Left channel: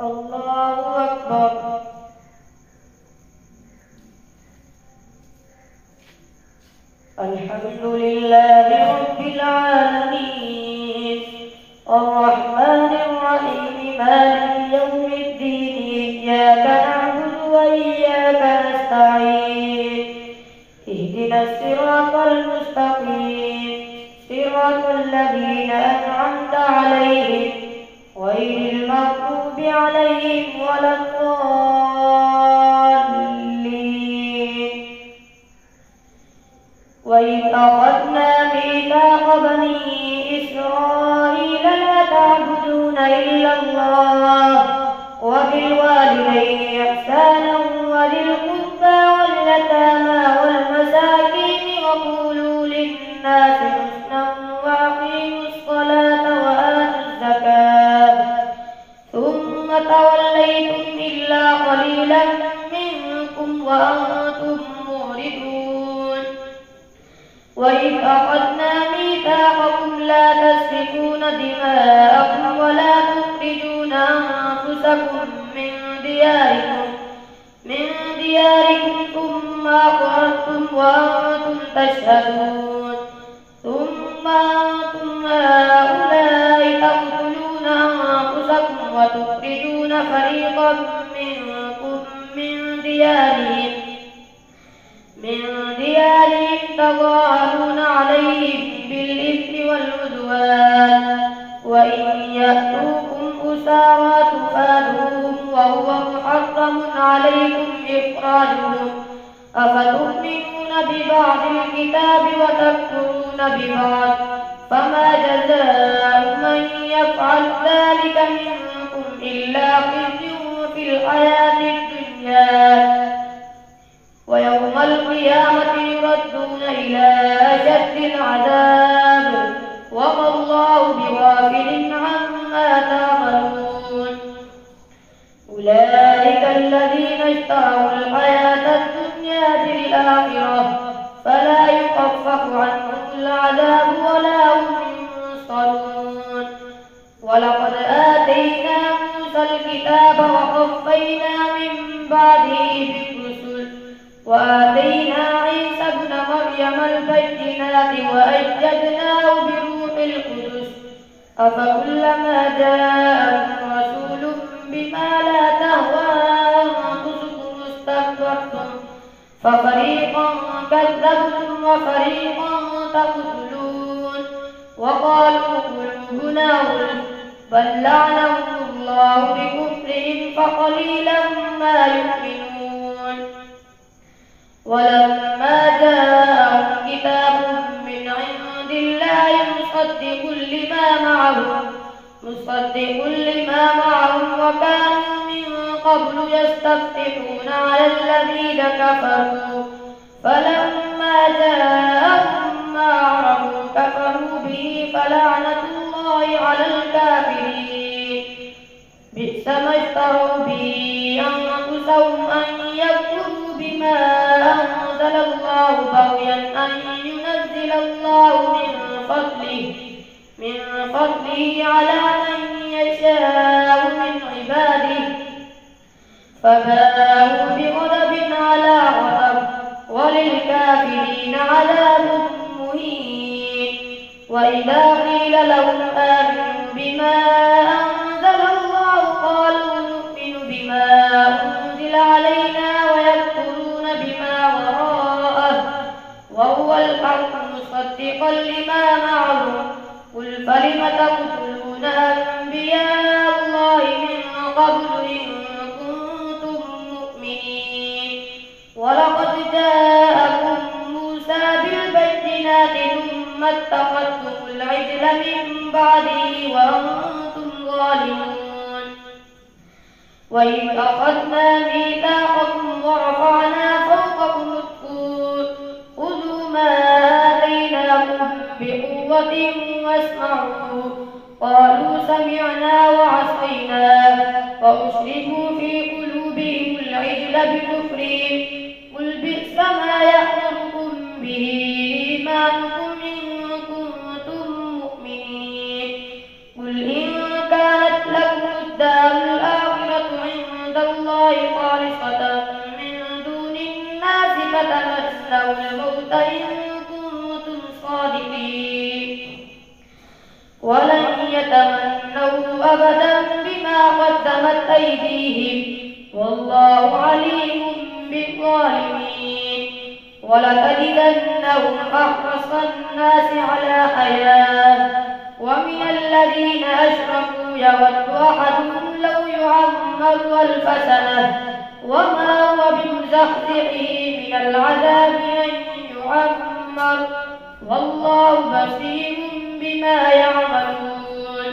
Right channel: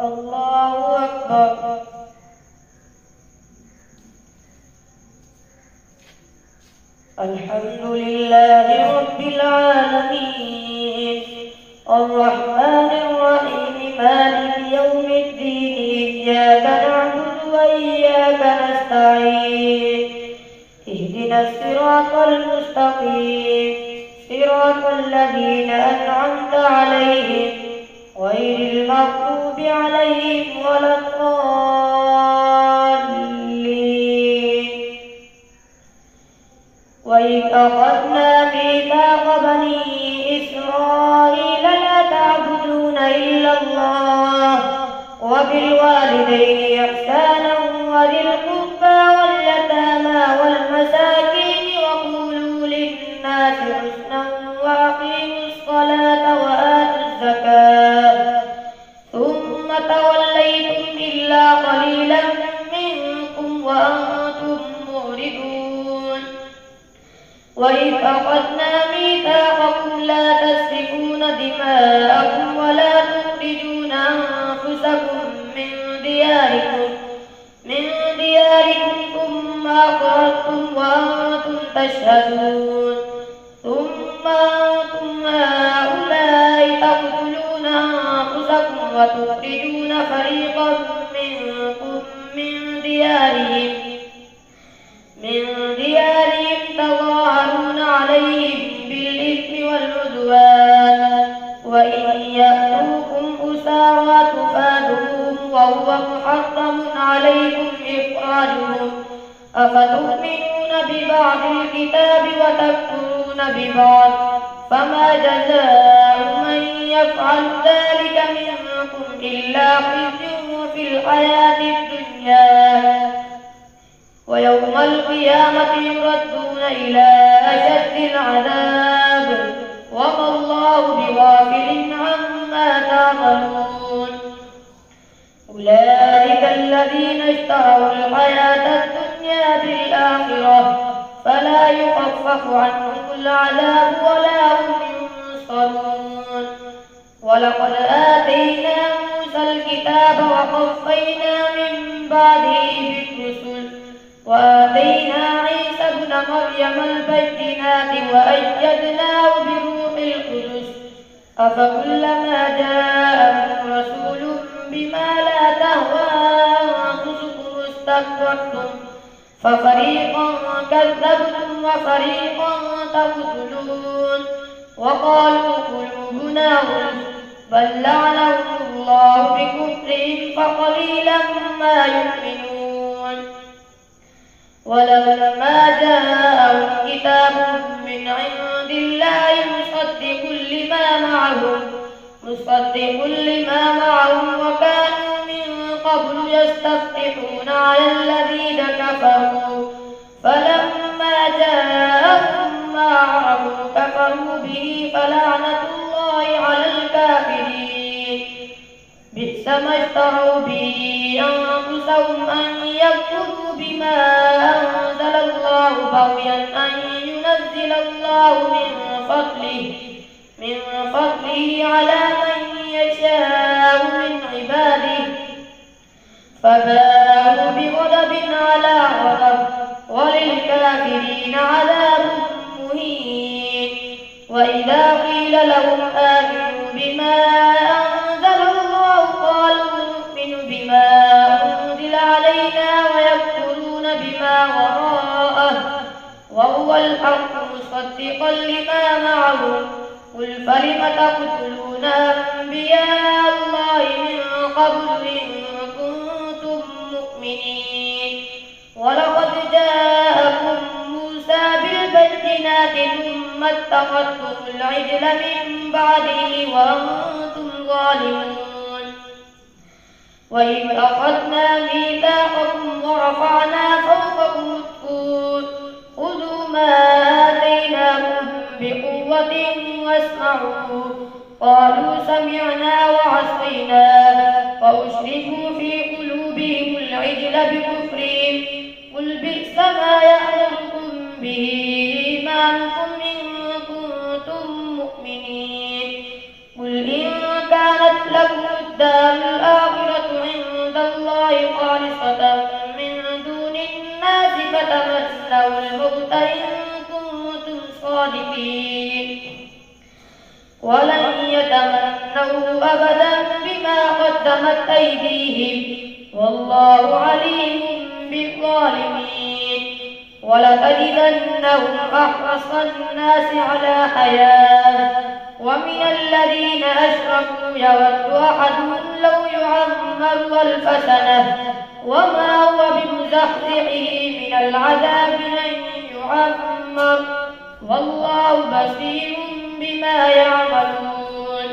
الله أكبر. الحمد لله رب العالمين الرحمن الرحيم مالك يوم الدين إياك نعبد وإياك نستعين اهدنا الصراط المستقيم صراط الذين أنعمت عليهم غير المغضوب عليهم ولا الضالين. وإذ أخذنا ميثاق بني إسرائيل لا تعبدون إلا الله وبالوالدين إحسانا وذي القربى واليتامى والمساكين وقولوا للناس حسنا وأقيموا الصلاة وآتوا الزكاة ثم توليتم إلا قليلا منكم وأنتم معرضون. وإذ أخذنا ميثاقكم لا تسفكون دماءكم ولا تخرجون أنفسكم من دياركم ثم أقررتم وأنتم تشهدون ثم أنتم هؤلاء تقتلون أنفسكم وتخرجون فريقا منكم من ديارهم تظاهرون عليهم بالإثم والعدوان وإن يأتوكم أسارى تفادوهم وهو محرم عليكم إخراجهم أفتؤمنون ببعض الكتاب وتكفرون ببعض فما جزاء من يفعل ذلك منكم إلا خزي في الحياة الدنيا ويوم القيامة يردون إلى أشد العذاب وما الله بغافل عما تعملون. أولئك الذين اشتروا الحياة الدنيا بالآخرة فلا يخفف عنهم العذاب ولا هم ينصرون. ولقد آتينا موسى الكتاب وقفينا من بعده بالرسل وآتينا عيسى ابن مريم البينات وأيدناه بروح القدس أفكلما جاءكم رسول بما لا تهوى أنفسكم استكبرتم ففريقا كذبتم وفريقا تقتلون. وقالوا قلوبنا غلف بل لعنهم الله بكفرهم فقليلا ما يؤمنون. ولما جاءهم كتاب من عند الله مصدق لما معهم وكانوا من قبل يستفتحون على الذين كفروا فلما جاءهم ما عرفوا كفروا به فلعنة الله على الكافرين. بئس ما اشتروا به أنفسهم أن يكفروا بما أنزل الله بغيا أن ينزل الله من فضله على من يشاء من عباده فباءوا بغضب على غضب وللكافرين عذاب مهين. وإذا قيل لهم آمنوا بما أنزل الله قالوا نؤمن بما أنزل علينا ويكفرون بما وراءه وهو الحق مصدقا لما معهم قل فلم تقتلون أنبياء الله من قبل إن كنتم مؤمنين. ولقد جاءكم موسى بالبينات ثم اتخذتم العجل من بعده وأنتم ظالمون. وإذ أخذنا ميثاقكم ورفعنا فوقكم الطور خذوا ما آتيناكم بقوة واسمعوا قالوا سمعنا وعصينا وأشركوا في قلوبهم العجل بكفرهم قل بئس ما يأمركم به إيمانكم إن كنتم مؤمنين. قل إن كانت لكم الدار الآخرة يتمنوا أبدا بما قدمت أيديهم والله عليم بالظالمين. ولتجدنهم أحرص الناس على حياة ومن الذين أشركوا يود أحدهم لو يعمر 1000 سنة وما هو بمزحزحه من العذاب أن يعمر والله بصير بما يعملون.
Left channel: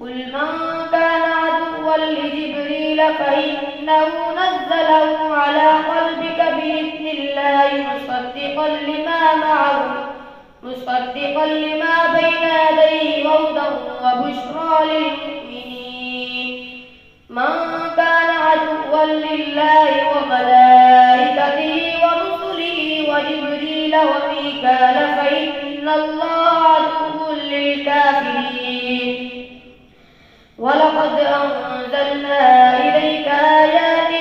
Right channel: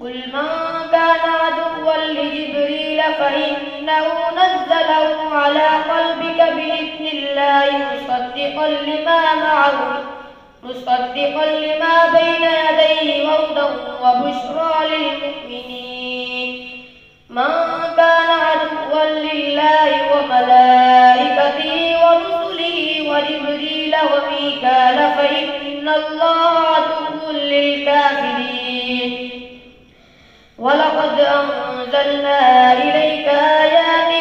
قل من كان عدوا لجبريل فإنه نزله على قلبك بإذن الله مصدقا لما بين يديه هدى وبشرى للمؤمنين. من كان عدوا لله وملائكته ورسله وجبريل وميكال فإن الله عدو للكافرين. ولقد أنزلنا إليك آيات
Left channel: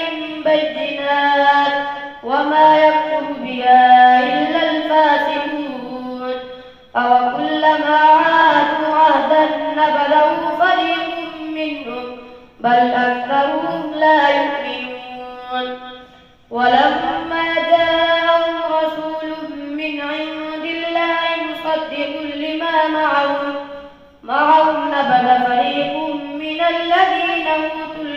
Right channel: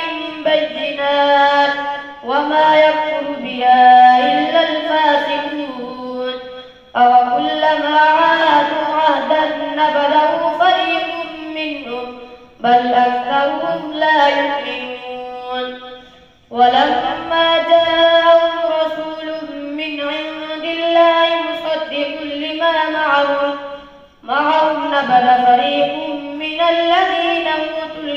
بينات وما يكفر بها إلا الفاسقون. أوكلما عاهدوا عهدا نبذه فريق منهم بل أكثرهم لا يؤمنون. ولما جاءهم رسول من عند الله مصدق لما معهم نبذ فريق من الذين أوتوا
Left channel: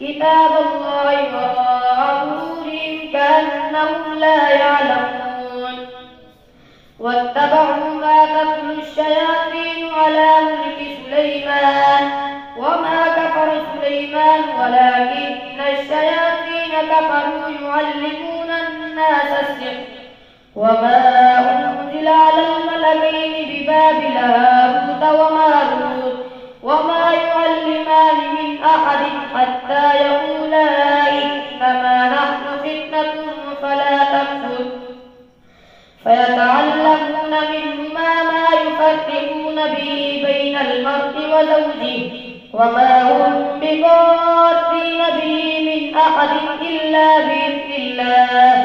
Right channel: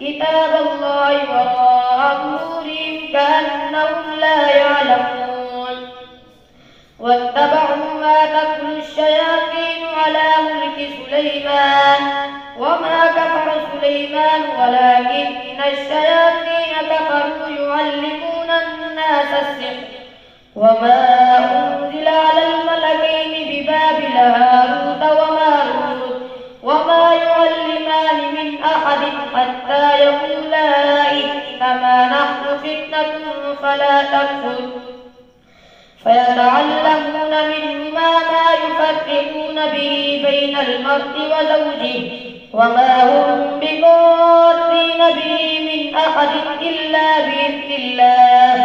كتاب الله وراء ظهورهم كأنهم لا يعلمون. واتبعوا ما تتلو الشياطين على ملك سليمان وما كفر سليمان ولكن الشياطين كفروا يعلمون الناس السحر وما أنزل على الملكين ببابل هاروت وماروت وما يعلمان من أحد حتى يقولا إنما نحن فتنة فلا تكفر فيتعلمون منهما ما يفرقون به بين المرء وزوجه وما هم بضارين به من أحد إلا بإذن الله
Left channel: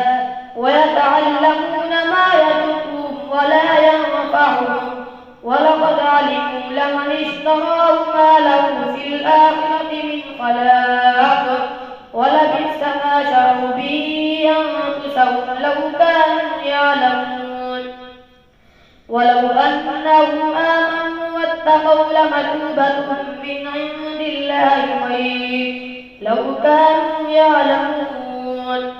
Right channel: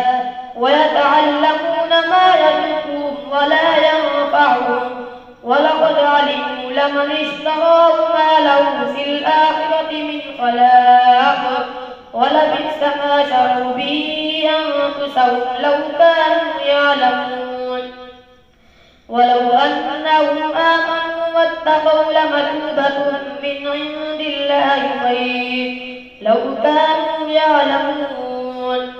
ويتعلمون ما يضرهم ولا ينفعهم ولقد علموا لمن اشتراه ما له في الآخرة من خلاق ولبئس ما شروا به أنفسهم لو كانوا يعلمون. ولو أنهم آمنوا واتقوا لمثوبة من عند الله خير لو كانوا يعلمون.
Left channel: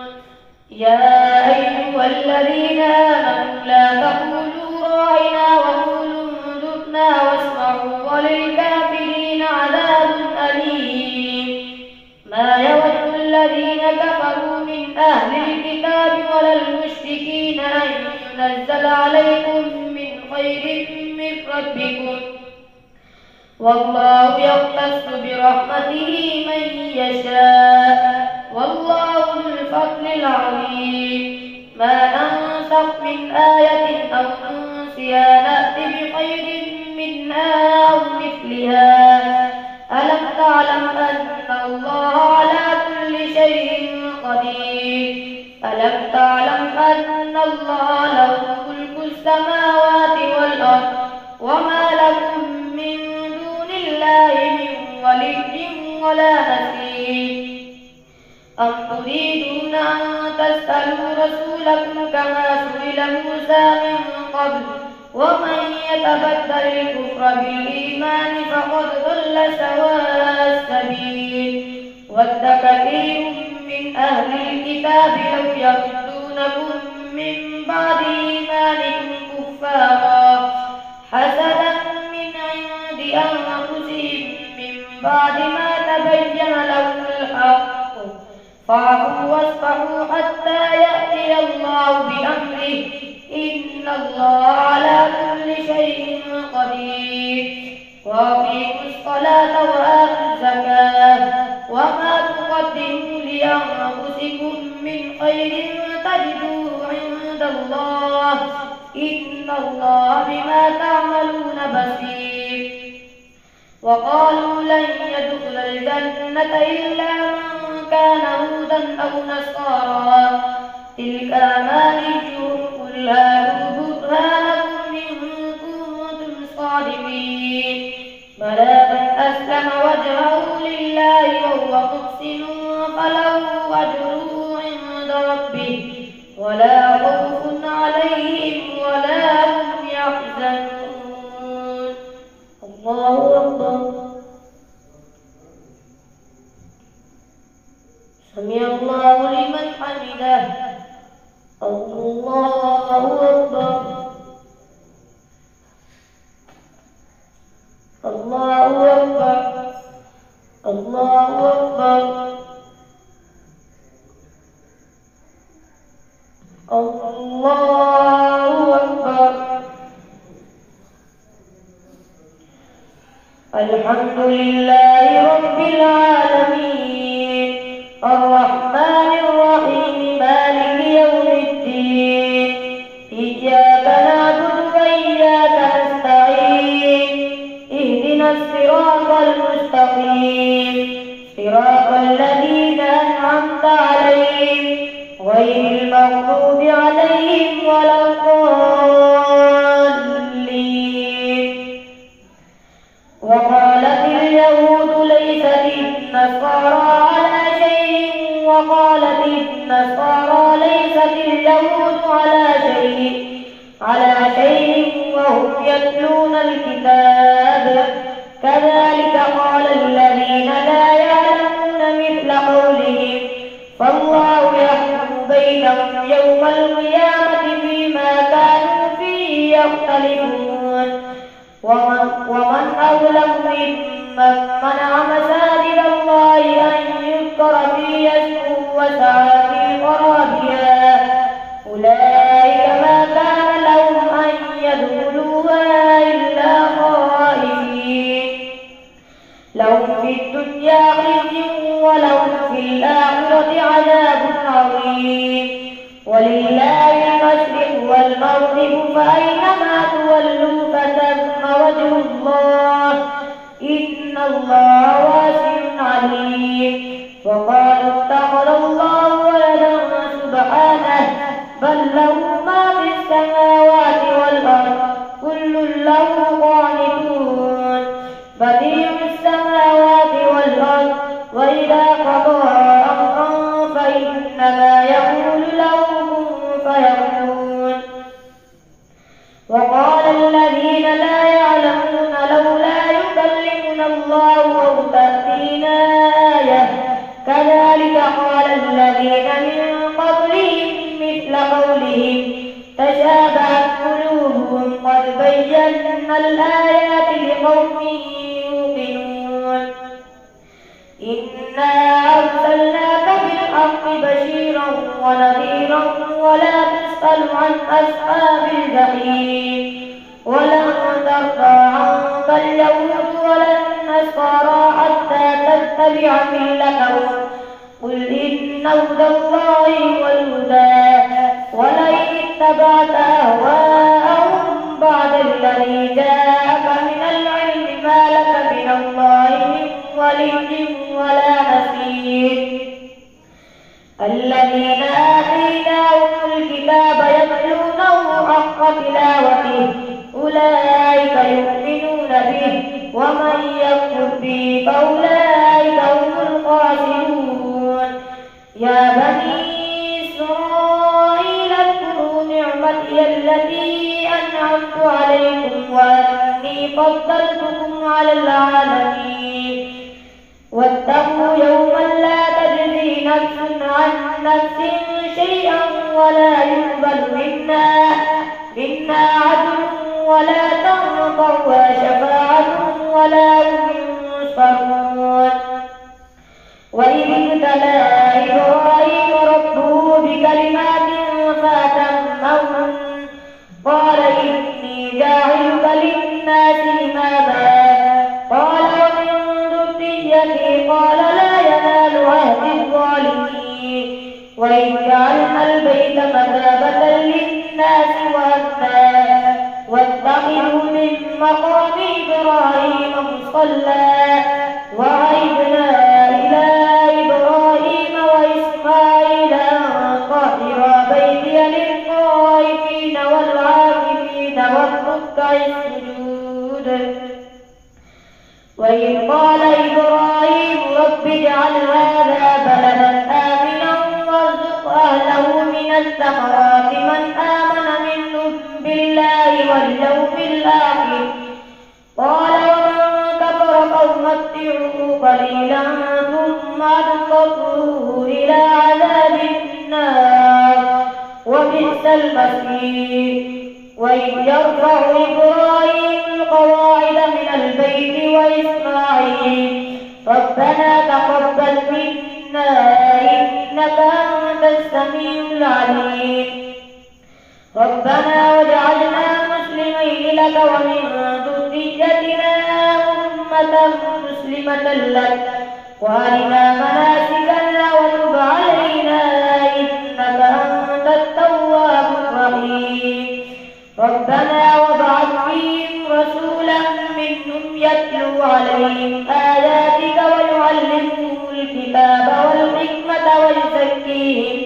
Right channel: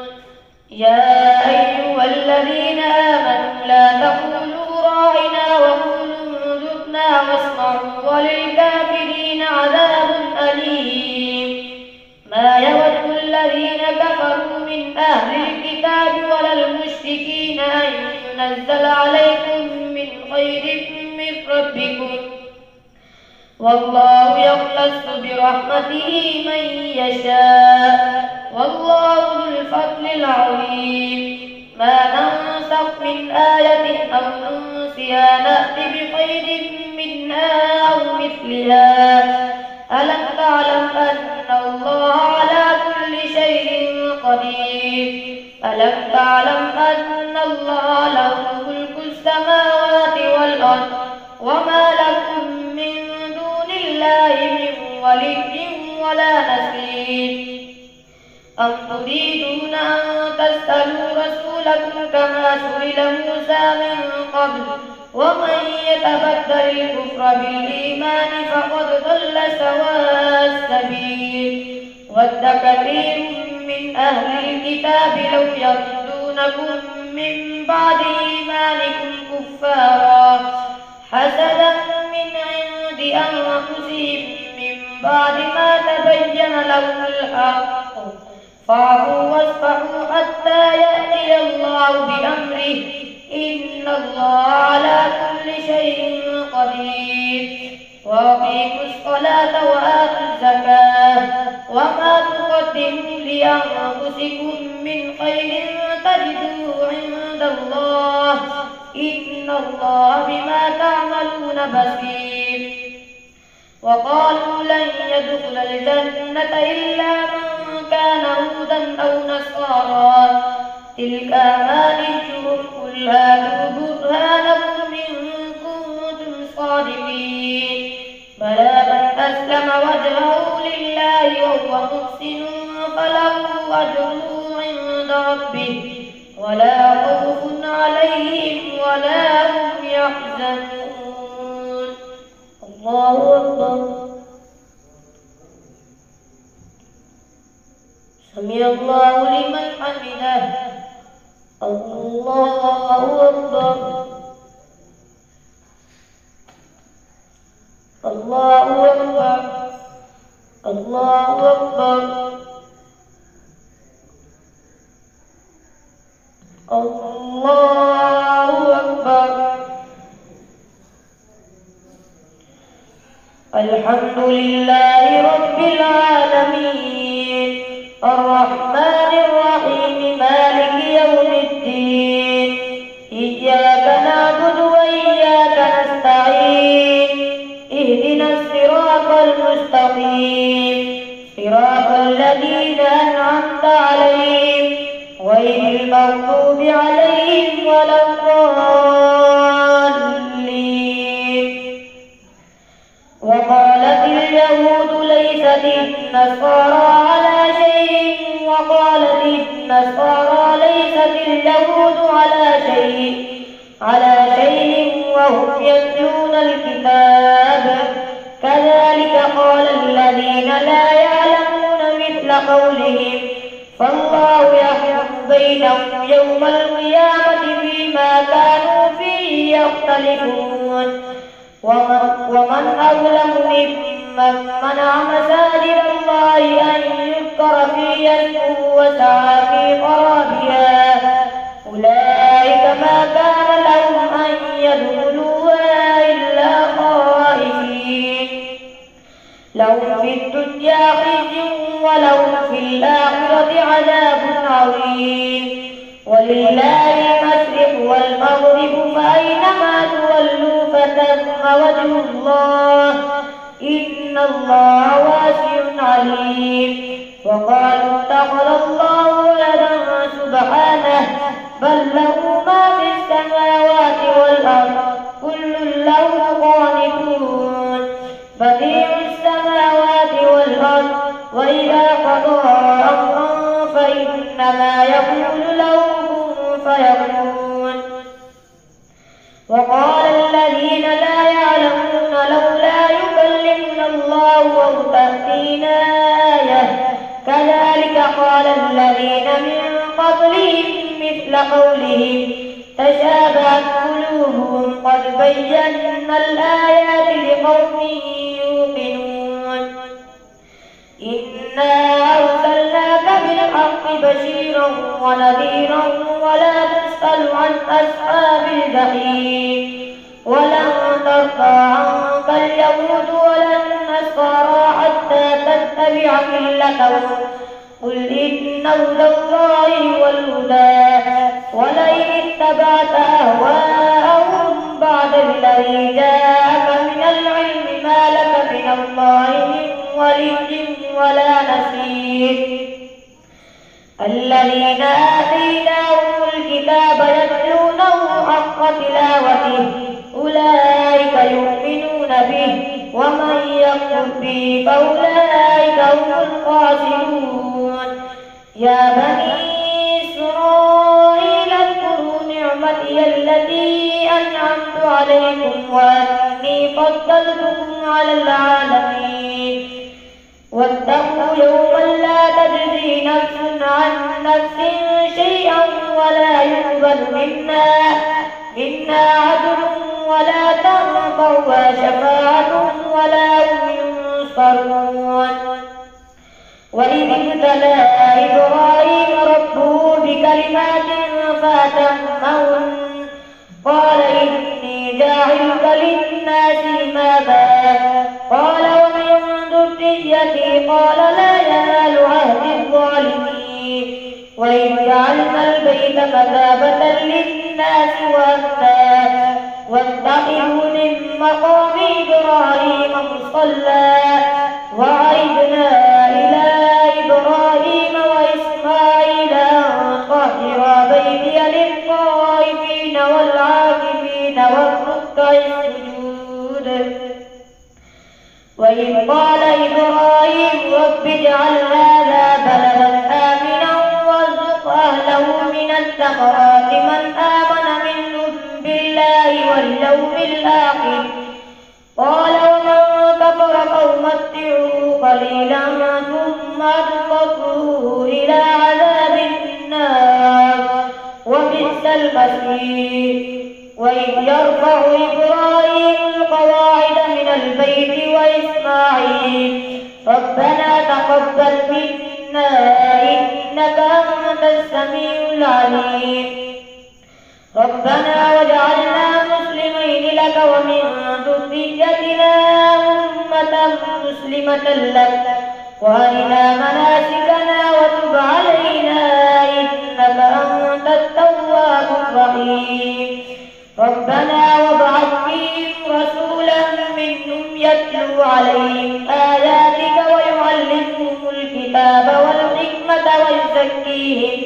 يا أيها الذين آمنوا لا تقولوا راعنا وقولوا انظرنا واسمعوا وللكافرين عذاب أليم. ما يود الذين كفروا من أهل الكتاب ولا المشركين أن ينزل عليكم من خير من ربكم والله يختص برحمته من يشاء والله ذو الفضل العظيم. ما ننسخ من آية أو ننسها نأتي بخير منها أو مثلها. ألم تعلم أن الله على كل شيء قدير. ألم تعلم أن الله له ملك السماوات والأرض وما لكم من دون الله من ولي ولا نصير. أم تريدون أن تسألوا رسولكم كما سئل موسى من قبل ومن يتبدل الكفر بالإيمان فقد ضل سواء السبيل. ود كثير من أهل الكتاب لو يردونكم من بعد إيمانكم كفارا حسدا من عند أنفسهم من بعد ما تبين لهم الحق فاعفوا واصفحوا حتى يأتي الله بأمره إن الله على كل شيء قدير. وأقيموا الصلاة وآتوا الزكاة وما تقدموا لأنفسكم من خير تجدوه عند الله إن الله بما تعملون بصير. وقالوا لن يدخل الجنة إلا من كان هودا أو نصارى تلك أمانيهم قل هاتوا برهانكم إن كنتم الله أكبر الله أكبر الله أكبر. الحمد لله رب العالمين الرحمن الرحيم مالك يوم الدين إياك نعبد وإياك نستعين اهدنا الصراط المستقيم صراط الذين أنعمت عليهم غير المغضوب عليهم ولا الضالين. وقالت اليهود ليست النصارى على شيء وقالت النصارى ليست اليهود على شيء وهم يتلون الكتاب كذلك قال الذين لا يعلمون مثل قولهم فالله يحكم بينهم يوم القيامة فيما كانوا فيه يختلفون. ومن أظلم ممن منع مساجد الله أن يذكر فيها اسمه وسعى في خرابها أولئك ما كان لهم أن يدخلوها إلا خائفين لهم في الدنيا خزي ولهم في الآخرة عذاب عظيم. ولله المشرق والمغرب فأينما تولوا فثم وجه الله إن الله واسع عليم. وقالوا اتخذ الله ولدا سبحانه بل له ما في السماوات والأرض كل له قانتون بديع السماوات والأرض وإذا قضى أمرا فإنما يقول له كن فيكون. وقال الذين لا يعلمون لولا يكلمنا الله أو تأتينا آية كذلك قال الذين من قبلهم مثل قولهم تشابهت قلوبهم قد بينا الآيات لقوم يوقنون. إنا أرسلناك بالحق بشيرا ونذيرا ولا تسأل عن أصحاب الجحيم. ولن ترضى عنك اليهود ولا النصارى حتى تتبع ملتهم قل إن هدى الله هو الهدى ولئن اتبعت أهواءهم بعد الذي جاءك من العلم ما لك من الله من ولي ولا نصير. الذين آتيناهم الكتاب يتلونه حق تلاوته أولئك يؤمنون به ومن يكفر به فأولئك هم الخاسرون. يا بني إسرائيل اذكروا نعمتي التي أنعمت عليكم وأني فضلتكم على العالمين. واتقوا يوما لا تجزي نفس عن نفس شيئا ولا يقبل منا عدل ولا تنفعها شفاعة ولا هم ينصرون. وإذ ابتلى إبراهيم ربه بكلمات فأتمهن قال إني جاعلك للناس إماما قال ومن ذريتي قال لا ينال عهد الظالمين. وإذ جعلنا البيت مثابة للناس وأمنا واتخذوا من مقام إبراهيم مصلى وعهدنا إلى إبراهيم وإسماعيل أن طهرا بيتي للطائفين والعاكفين والركع السجود. وإذ قال إبراهيم رب اجعل هذا بلدا آمنا وارزق أهله من الثمرات من آمن منهم بالله واليوم الآخر قال ومن كفر مسلمة لك وأرنا مناسكنا وتب علينا إنك أنت التواب الرحيم. ربنا وابعث فيهم رسولا منهم يتلو عليهم آياتك ويعلمهم الكتاب والحكمة ويزكيهم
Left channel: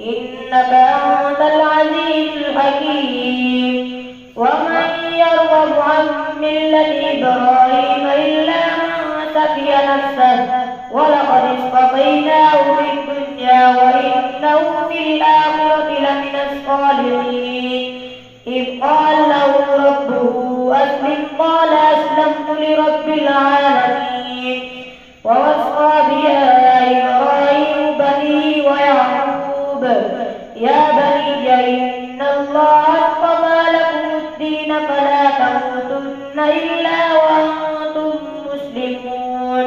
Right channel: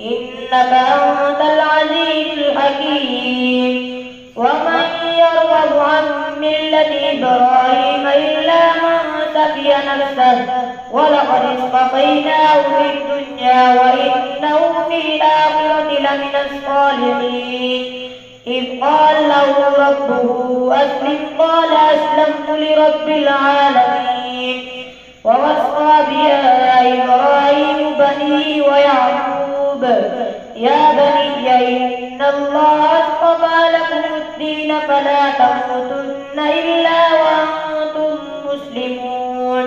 إنك أنت العزيز الحكيم. ومن يرغب عن ملة إبراهيم إلا من سفي نفسه ولقد اصطفيناه في الدنيا وإنه في الآخرة لمن الصالحين. إذ قال له ربه أسلم قال أسلمت لرب العالمين. ووصى بها إبراهيم بنيه ويعقوب يا بني إن الله اصطفى لكم الدين فلا تموتن إلا وأنتم مسلمون.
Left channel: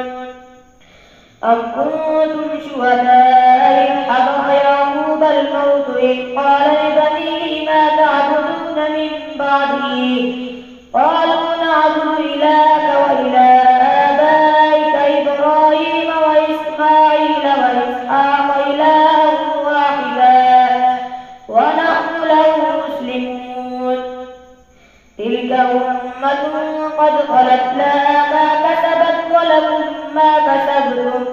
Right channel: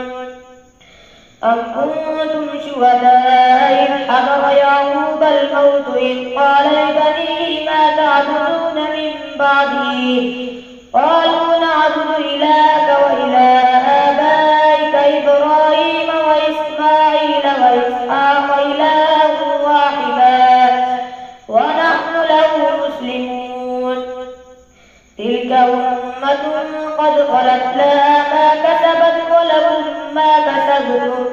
أم كنتم شهداء إذ حضر يعقوب الموت إذ قال لبنيه ما تعبدون من بعده قالوا نعبد إلهك وإله آبائك إبراهيم وإسماعيل وإسحاق إلها واحدا ونحن له مسلمون. تلك أمة قد خلت لها ما كسبت ولكم ما كسبتم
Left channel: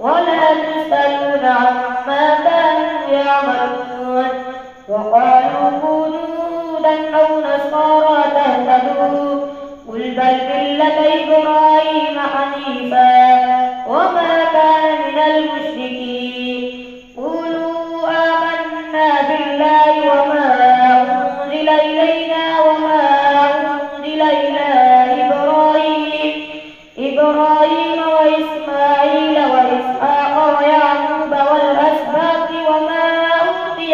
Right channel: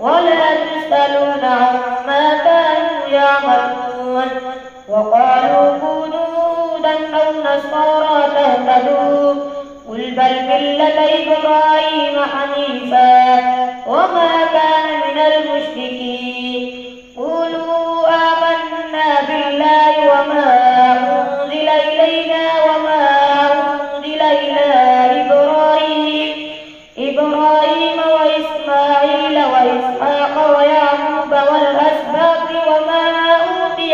ولا تسألون عما كانوا يعملون. وقالوا كونوا هودا أو نصارى تهتدوا قل بل ملة إبراهيم حنيفا وما كان من المشركين. قولوا آمنا بالله وما أنزل إلينا وما أنزل إلى إبراهيم وإسماعيل وإسحاق ويعقوب والأسباط وما أوتي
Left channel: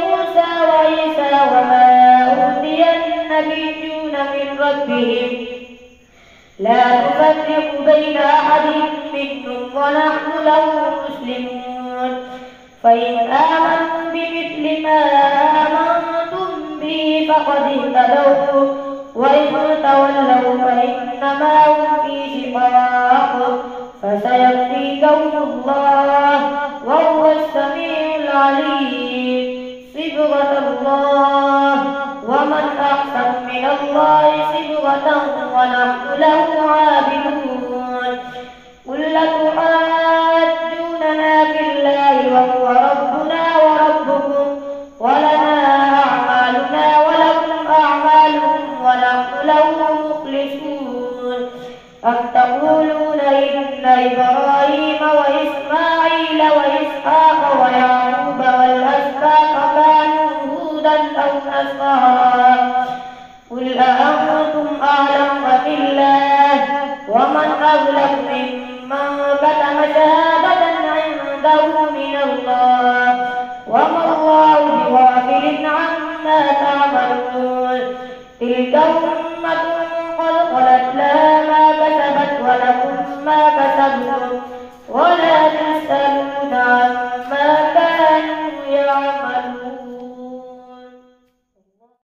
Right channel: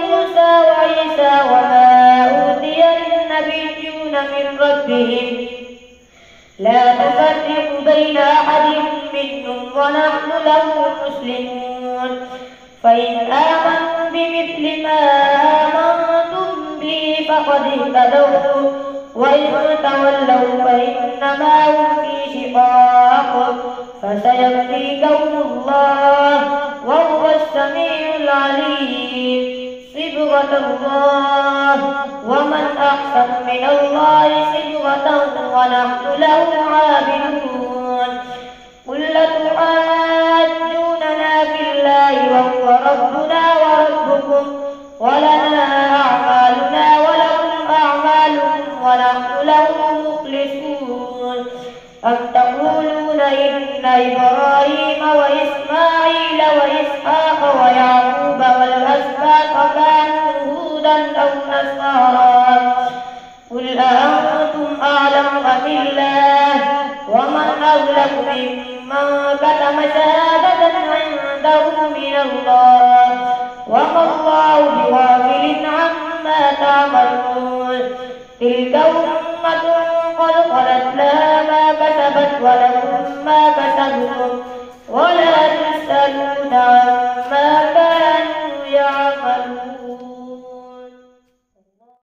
موسى وعيسى وما أوتي النبيون من ربهم لا نفرق بين أحد منهم ونحن له مسلمون. فإن آمنوا بمثل ما آمنتم به فقد اهتدوا وإن تولوا فإنما هم في شقاق فسيكفيكهم الله وهو السميع العليم. صبغة الله ومن أحسن من الله صبغة ونحن له عابدون. قل تحاجوننا في الله وهو ربنا وربكم ولنا أعمالنا ولكم أعمالكم ونحن له مخلصون. أم تقولون إن إبراهيم وإسماعيل وإسحاق ويعقوب والأسباط كانوا هودا أو نصارى قل أأنتم أعلم أم الله ومن أظلم ممن كتم شهادة عنده من الله وما الله بغافل عما تعملون. تلك أمة قد خلت لها ما كسبت ولكم ما